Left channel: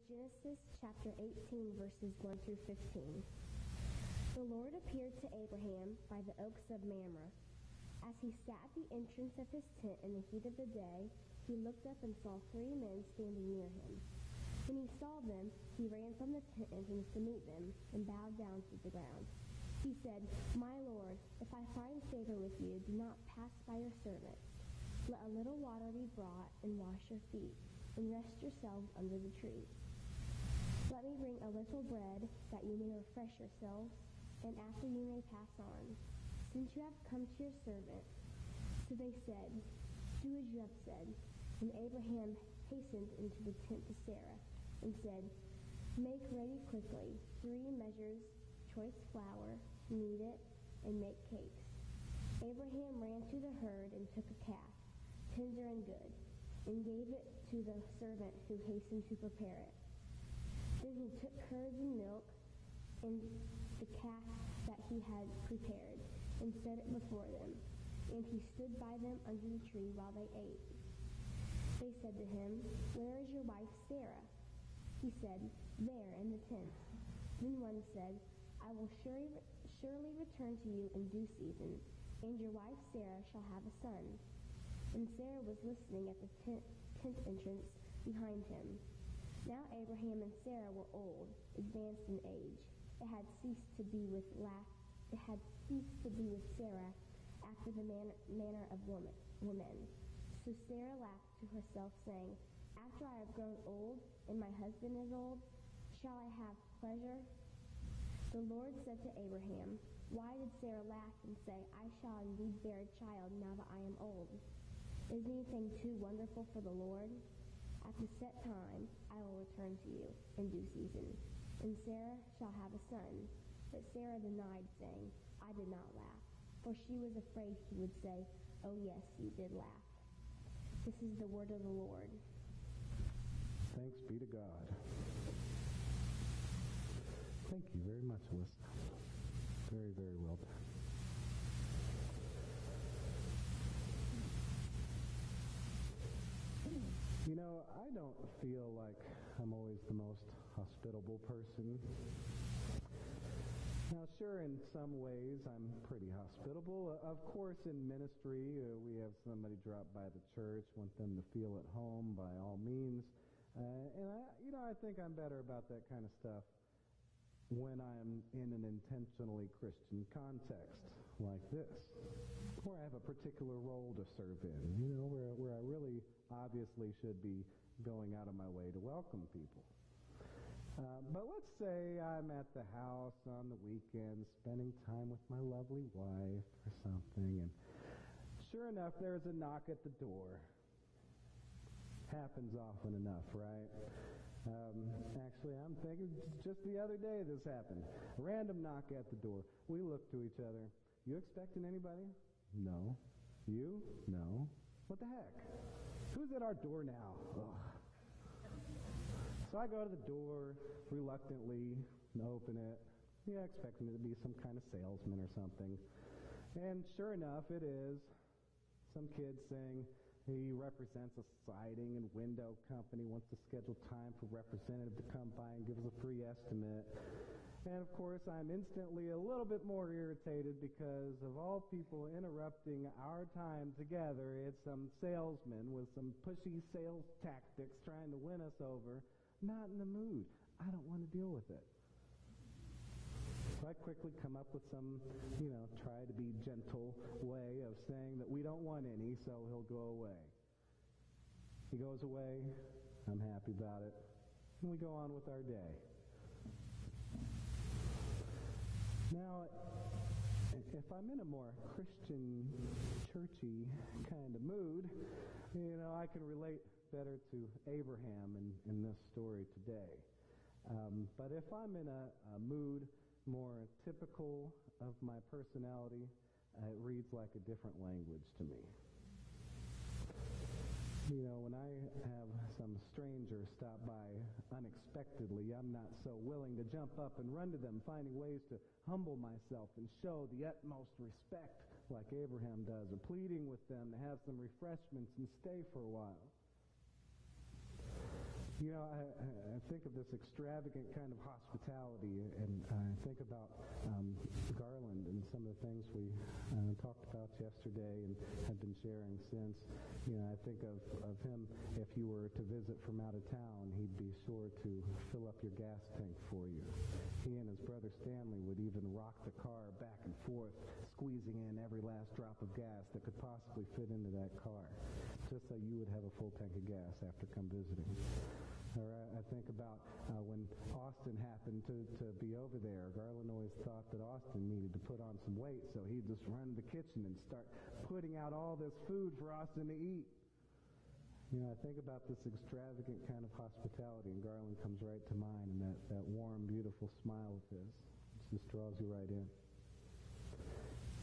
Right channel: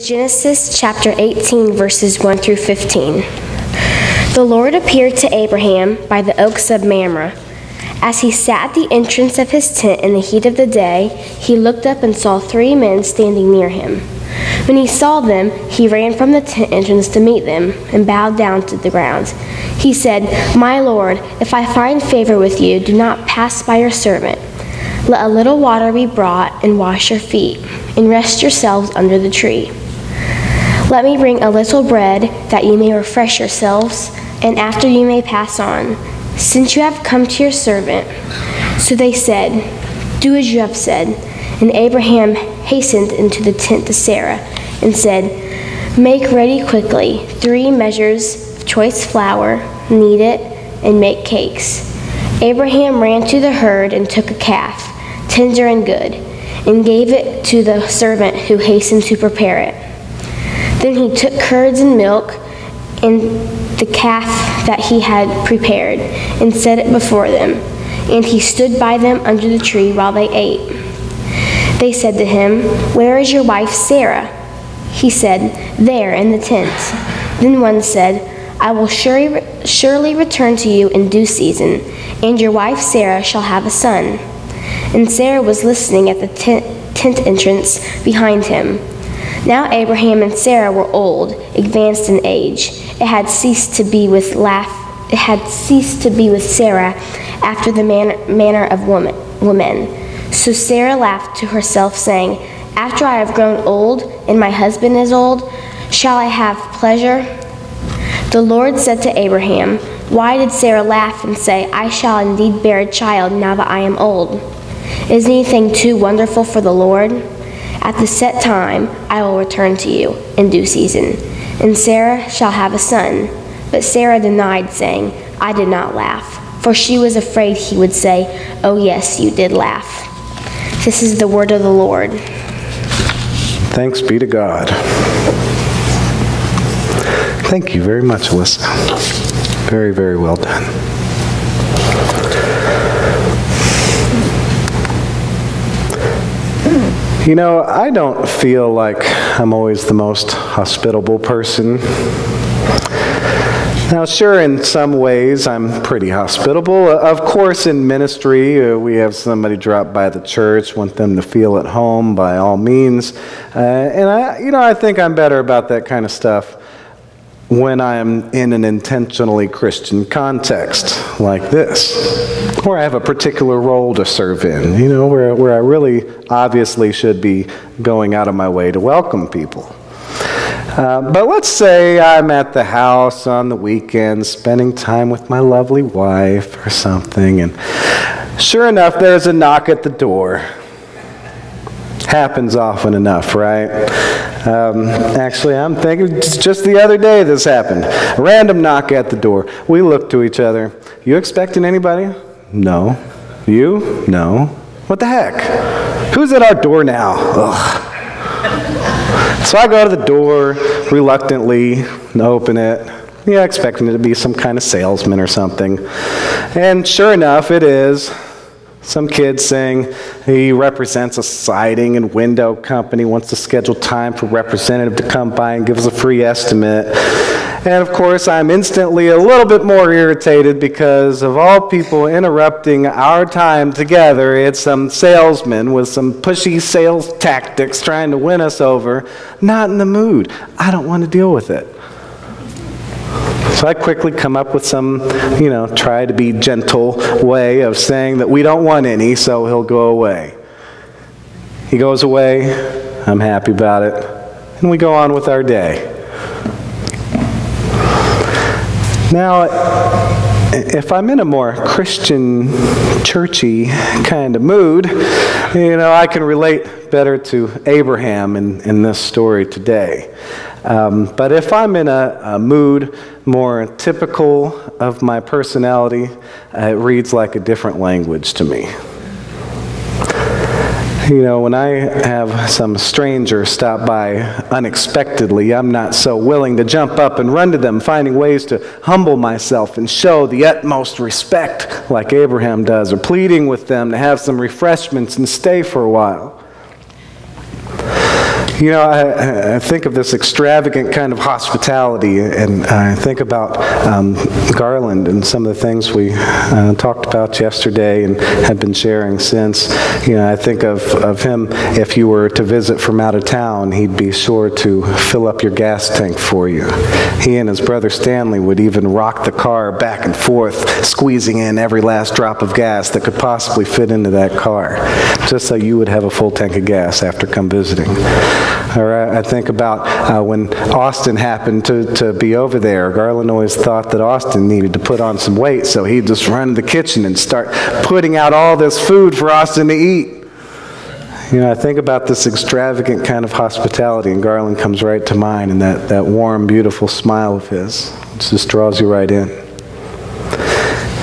Genesis chapter 18, verses 1 through 15. The Lord appeared to Abraham by the oaks of Mamre. As he sat at the entrance of his tent in the heat of the day, he looked up and saw 3 men standing near him. When he saw them, he ran from the tent entrance to meet them and bowed down to the ground. He said, "My Lord, if I find favor with you, do not pass by your servant. Let a little water be brought and wash your feet, and rest yourselves under the tree. Let me bring a little bread that you may refresh yourselves, and after you may pass on, since you have come to your servant." So they said, "Do as you have said." And Abraham hastened into the tent to Sarah and said, "Make ready quickly 3 measures of choice flour, knead it, and make cakes." Abraham ran to the herd and took a calf, tender and good, and gave it to the servant who hastened to prepare it. Then he took curds and milk and the calf that he had prepared and set it before them, and he stood by them under the tree while they ate. They said to him, "Where is your wife Sarah?" He said, "There in the tent." Then one said, "I will surely return to you in due season, and your wife Sarah shall have a son." And Sarah was listening at the tent entrance behind him. Now Abraham and Sarah were old, advanced in age. It had ceased to be with Sarah after the manner of women. So Sarah laughed to herself, saying, "After I have grown old, and my husband is old, shall I have pleasure?" The Lord said to Abraham, "Why did Sarah laugh and say, 'I shall indeed bear a child now that I am old'? Is anything too wonderful for the Lord? At the set time I will return to you in due season, and Sarah shall have a son." But Sarah denied, saying, "I did not laugh," for she was afraid he would say, "Oh yes, you did laugh." This is the word of the Lord. Thanks be to God. Thank you very much, Alyssa. Very, very well done. You know, I don't feel like I'm always the most hospitable person. Now, sure, in some ways, I'm pretty hospitable. Of course, in ministry, we have somebody drop by the church, want them to feel at home by all means. And I think I'm better about that kind of stuff when I am in an intentionally Christian context like this, where I have a particular role to serve in, where I really obviously should be going out of my way to welcome people. But let's say I'm at the house on the weekend, spending time with my lovely wife or something, and sure enough, there's a knock at the door. Happens often enough, right? Actually, I'm thinking just the other day this happened. A random knock at the door. We look to each other. "You expecting anybody?" "No." "You?" "No." "What the heck? Who's at our door now?" Ugh. So I go to the door reluctantly and open it. Yeah, expecting it to be some kind of salesman or something. And sure enough, it is. Some kid saying he represents a siding and window company, wants to schedule time for a representative to come by and give us a free estimate. And of course, I'm instantly a little bit more irritated because of all people interrupting our time together, it's some salesman with some pushy sales tactics trying to win us over. Not in the mood. I don't want to deal with it. So I quickly come up with some, try to be gentle way of saying that we don't want any, so he'll go away. He goes away, I'm happy about it, and we go on with our day. Now, if I'm in a more Christian, churchy kind of mood, I can relate better to Abraham in this story today. But if I'm in a mood more typical of my personality, it reads like a different language to me. When I have some stranger stop by unexpectedly, I'm not so willing to jump up and run to them, finding ways to humble myself and show the utmost respect like Abraham does, or pleading with them to have some refreshments and stay for a while. You know, I think of this extravagant kind of hospitality, and I think about Garland and some of the things we talked about yesterday and have been sharing since. You know, I think of him, if you were to visit from out of town, he'd be sure to fill up your gas tank for you. He and his brother Stanley would even rock the car back and forth, squeezing in every last drop of gas that could possibly fit into that car, just so you would have a full tank of gas after come visiting. Or I think about when Austin happened to be over there. Garland always thought that Austin needed to put on some weight, so he'd just run to the kitchen and start putting out all this food for Austin to eat. You know, I think about this extravagant kind of hospitality, and Garland comes right to mind, and that warm, beautiful smile of his. It just draws you right in.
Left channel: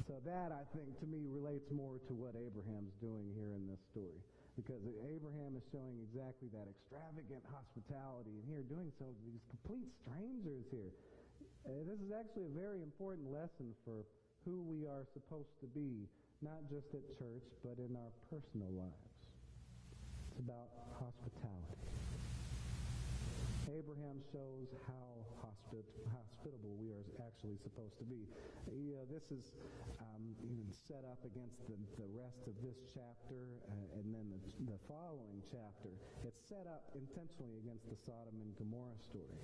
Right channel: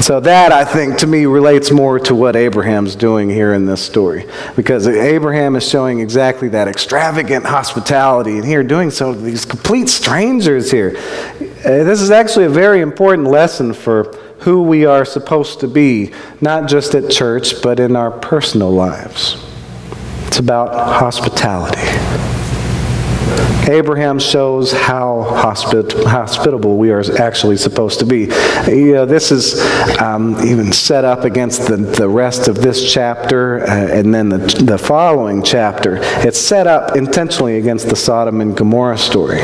So that, I think, to me, relates more to what Abraham's doing here in this story. Because Abraham is showing exactly that extravagant hospitality, and here doing so to these complete strangers here. This is actually a very important lesson for who we are supposed to be, not just at church, but in our personal lives. It's about hospitality. Abraham shows how hospitable we are actually supposed to be. You know, this is even set up against the rest of this chapter and then the following chapter. It's set up intentionally against the Sodom and Gomorrah story.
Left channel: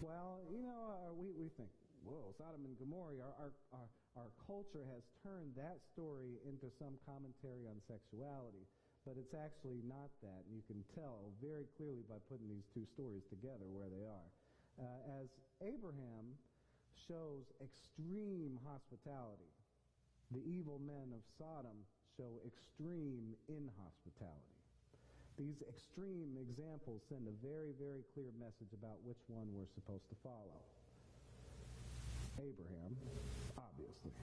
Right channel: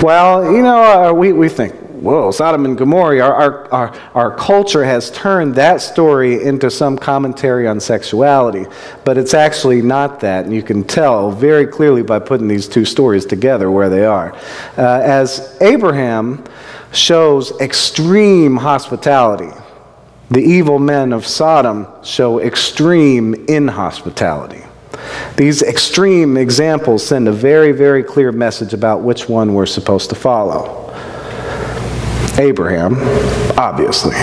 Well, you know, we think, whoa, Sodom and Gomorrah, our culture has turned that story into some commentary on sexuality, but it's actually not that, and you can tell very clearly by putting these two stories together where they are. As Abraham shows extreme hospitality, the evil men of Sodom show extreme inhospitality. These extreme examples send a very, very clear message about which one we're supposed to follow. Abraham, obviously.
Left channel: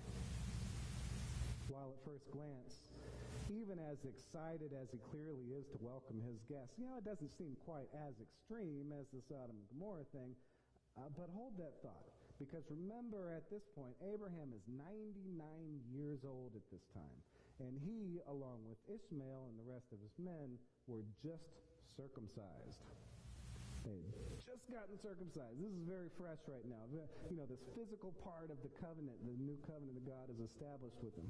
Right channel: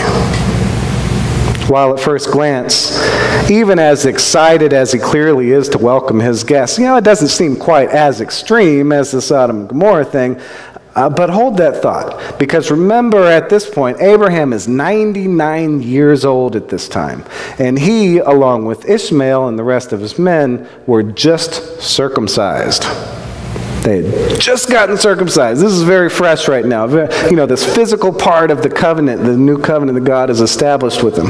While at first glance, even as excited as he clearly is to welcome his guests, you know, it doesn't seem quite as extreme as the Sodom and Gomorrah thing, but hold that thought, because remember at this point, Abraham is 99 years old at this time, and he, along with Ishmael and the rest of his men, were just circumcised. They had just gotten circumcised. This is very fresh right now. You know, this physical part of the covenant, the new covenant that God has established with them.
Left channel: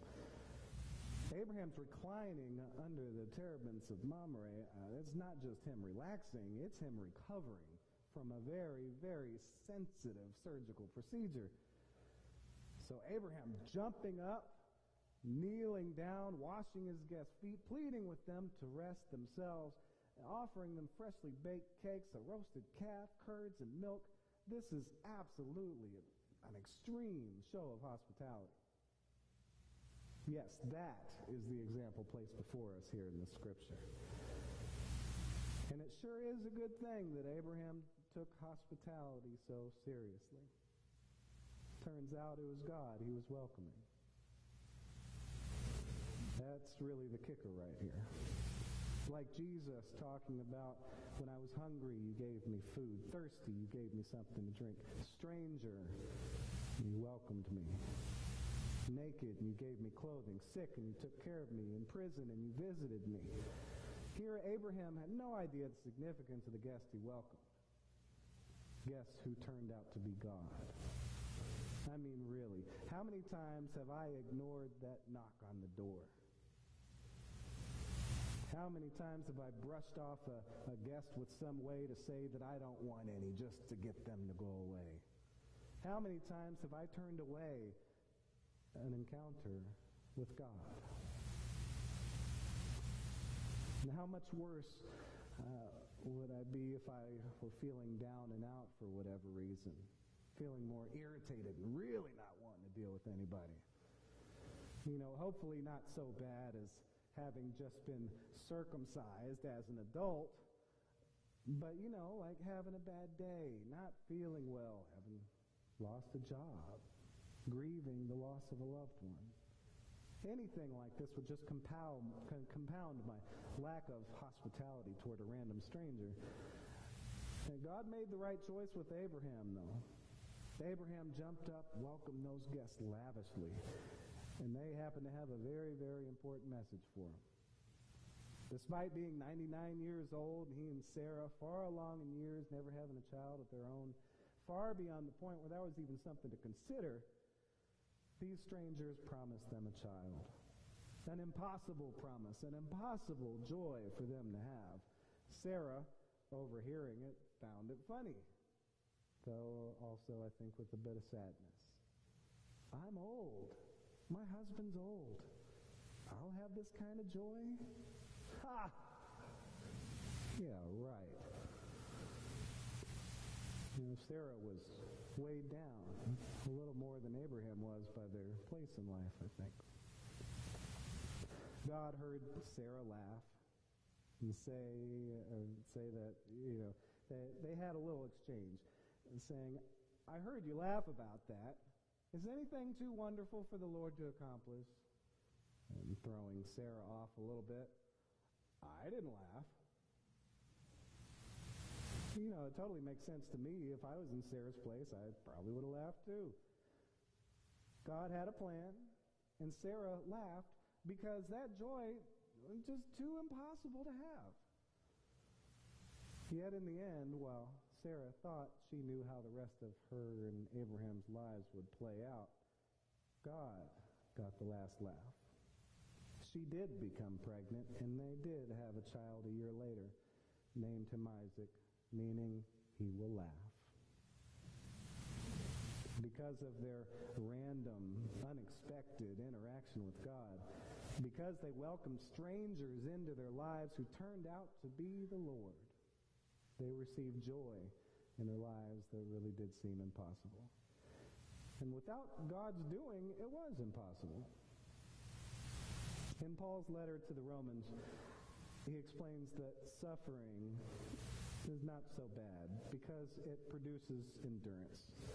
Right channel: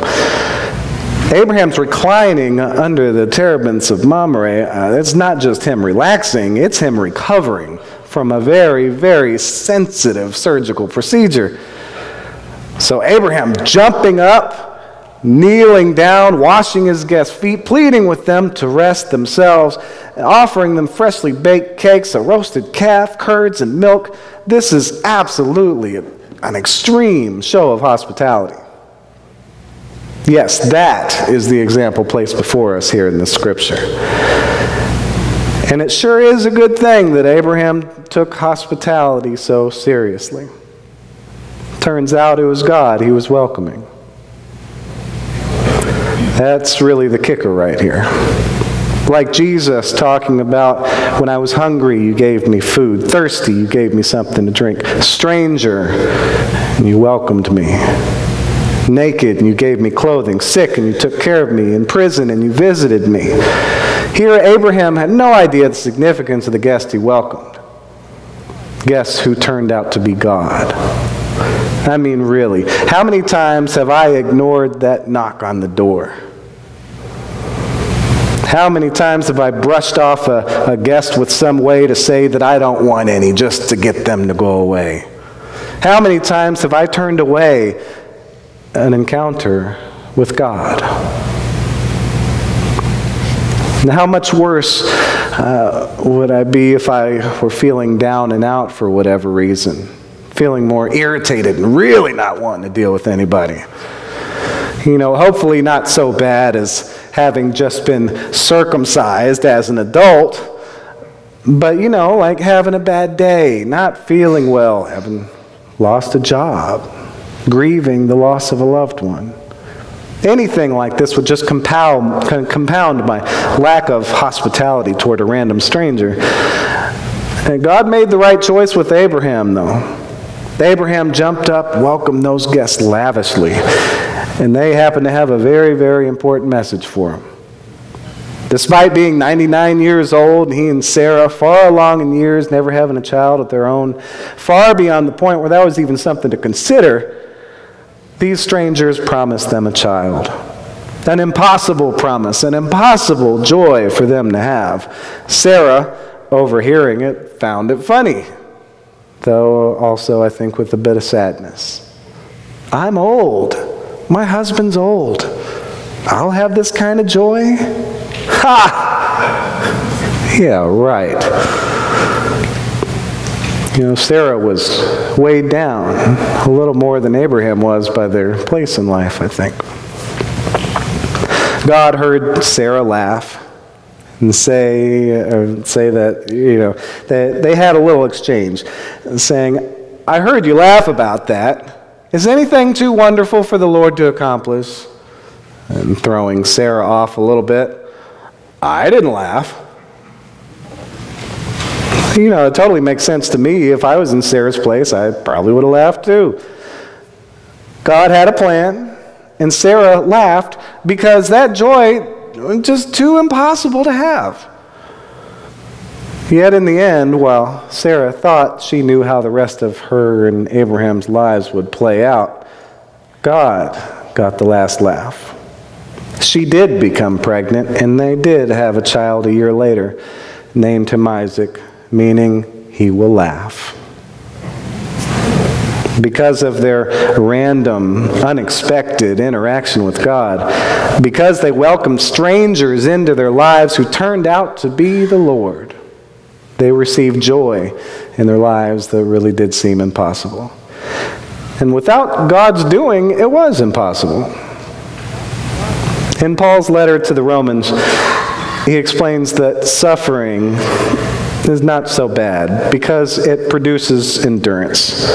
Abraham's reclining under the terebinths of Mamre. It's not just him relaxing, it's him recovering from a very, very sensitive surgical procedure. So Abraham jumping up, kneeling down, washing his guests' feet, pleading with them to rest themselves, offering them freshly baked cakes, a roasted calf, curds, and milk. This is absolutely an extreme show of hospitality. Yes, that is the example placed before us here in the scripture. And it sure is a good thing that Abraham took hospitality so seriously. Turns out it was God he was welcoming. That's really the kicker right here. Like Jesus talking about, when I was hungry, you gave me food. Thirsty, you gave me something to drink. Stranger, and you welcomed me. Naked, and you gave me clothing. Sick, and you took care of me. In prison, and you visited me. Here, Abraham had no idea the significance of the guest he welcomed. Guests who turned out to be God. I mean, really, how many times have I ignored that knock on the door? How many times have I brushed off a guest with some way to say that I don't want any, just to get them to go away? How many times have I turned away an encounter with God? And how much worse would I be if I were feeling down and out for whatever reason? Feeling more irritated and really not wanting to deal with anybody. You know, hopefully not so bad as having just been circumcised as an adult, but, you know, like having a bad day, not feeling well, having lost a job, grieving the loss of a loved one. Anything like this would just compound my lack of hospitality toward a random stranger. And God made the right choice with Abraham, though. Abraham jumped up, welcomed those guests lavishly, and they happened to have a very, very important message for him. Despite being 99 years old, he and Sarah, far along in years, never having a child of their own, far beyond the point where that was even something to consider, these strangers promised them a child. An impossible promise, an impossible joy for them to have. Sarah, overhearing it, found it funny, though also, I think, with a bit of sadness. I'm old. My husband's old. I'll have this kind of joy? Ha! Yeah, right. Sarah was weighed down a little more than Abraham was by their place in life, I think. God heard Sarah laugh and say that, they had a little exchange, saying, I heard you laugh about that. Is anything too wonderful for the Lord to accomplish? And throwing Sarah off a little bit, I didn't laugh. It totally makes sense to me. If I was in Sarah's place, I probably would have laughed too. God had a plan, and Sarah laughed because that joy was just too impossible to have. Yet in the end, while Sarah thought she knew how the rest of her and Abraham's lives would play out, God got the last laugh. She did become pregnant, and they did have a child a year later, named him Isaac, meaning he will laugh. Because of their random, unexpected interaction with God, because they welcomed strangers into their lives who turned out to be the Lord, they received joy in their lives that really did seem impossible. And without God's doing, it was impossible. In Paul's letter to the Romans, he explains that suffering is not so bad because it produces endurance.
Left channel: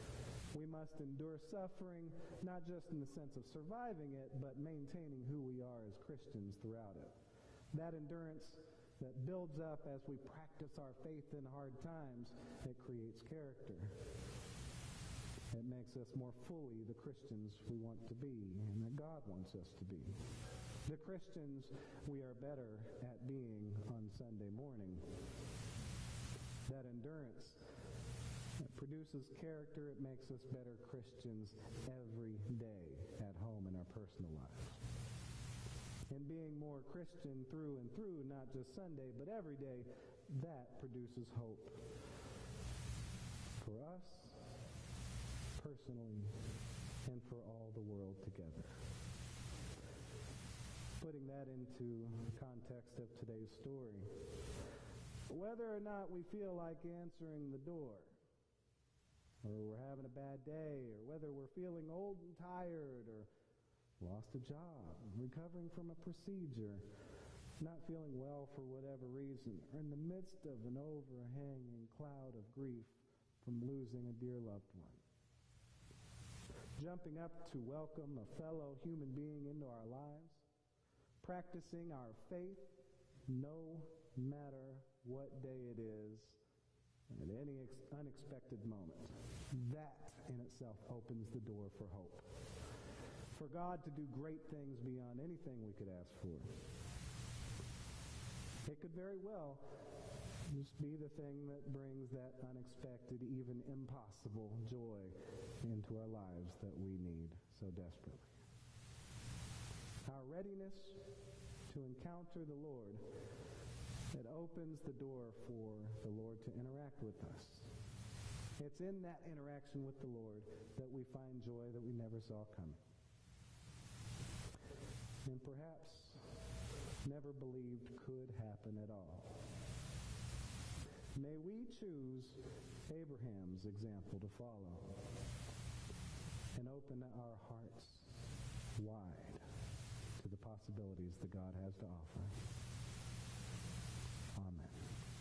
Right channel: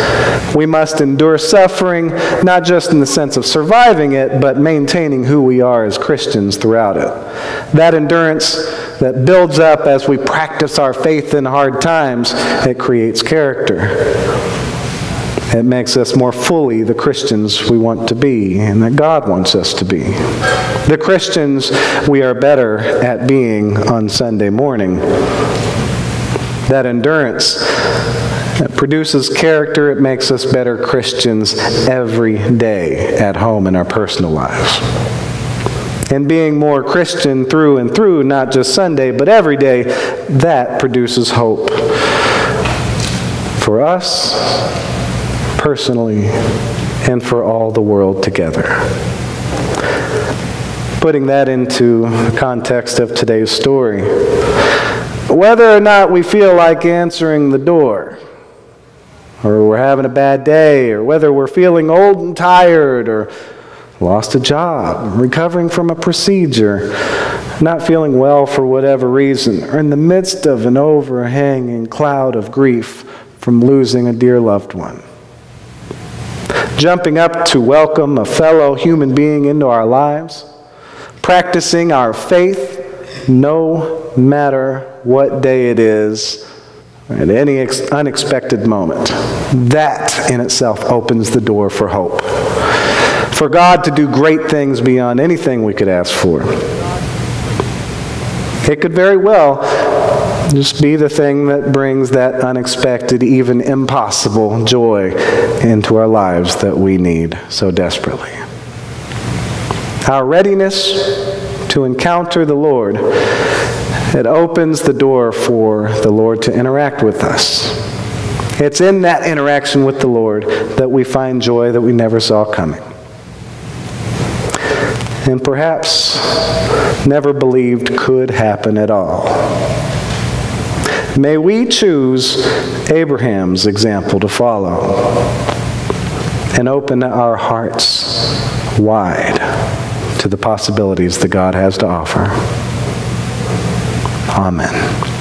We must endure suffering, not just in the sense of surviving it, but maintaining who we are as Christians throughout it. That endurance that builds up as we practice our faith in hard times, it creates character. It makes us more fully the Christians we want to be and that God wants us to be. The Christians we are better at being on Sunday morning. That endurance produces character. It makes us better Christians every day at home in our personal lives. And being more Christian through and through, not just Sunday, but every day, that produces hope for us personally and for all the world together. Putting that into the context of today's story, whether or not we feel like answering the door, or we're having a bad day, or whether we're feeling old and tired, or lost a job, recovering from a procedure, not feeling well for whatever reason, or in the midst of an overhanging cloud of grief from losing a dear loved one. Jumping up to welcome a fellow human being into our lives, practicing our faith no matter what day it is, at any unexpected moment. That in itself opens the door for hope. For God to do great things beyond anything we could ask for. It could very well just be the thing that brings that unexpected, even impossible joy into our lives that we need so desperately. Our readiness to encounter the Lord, it opens the door for the Lord to interact with us. It's in that interaction with the Lord that we find joy that we never saw coming. And perhaps never believed could happen at all. May we choose Abraham's example to follow and open our hearts wide to the possibilities that God has to offer. Amen.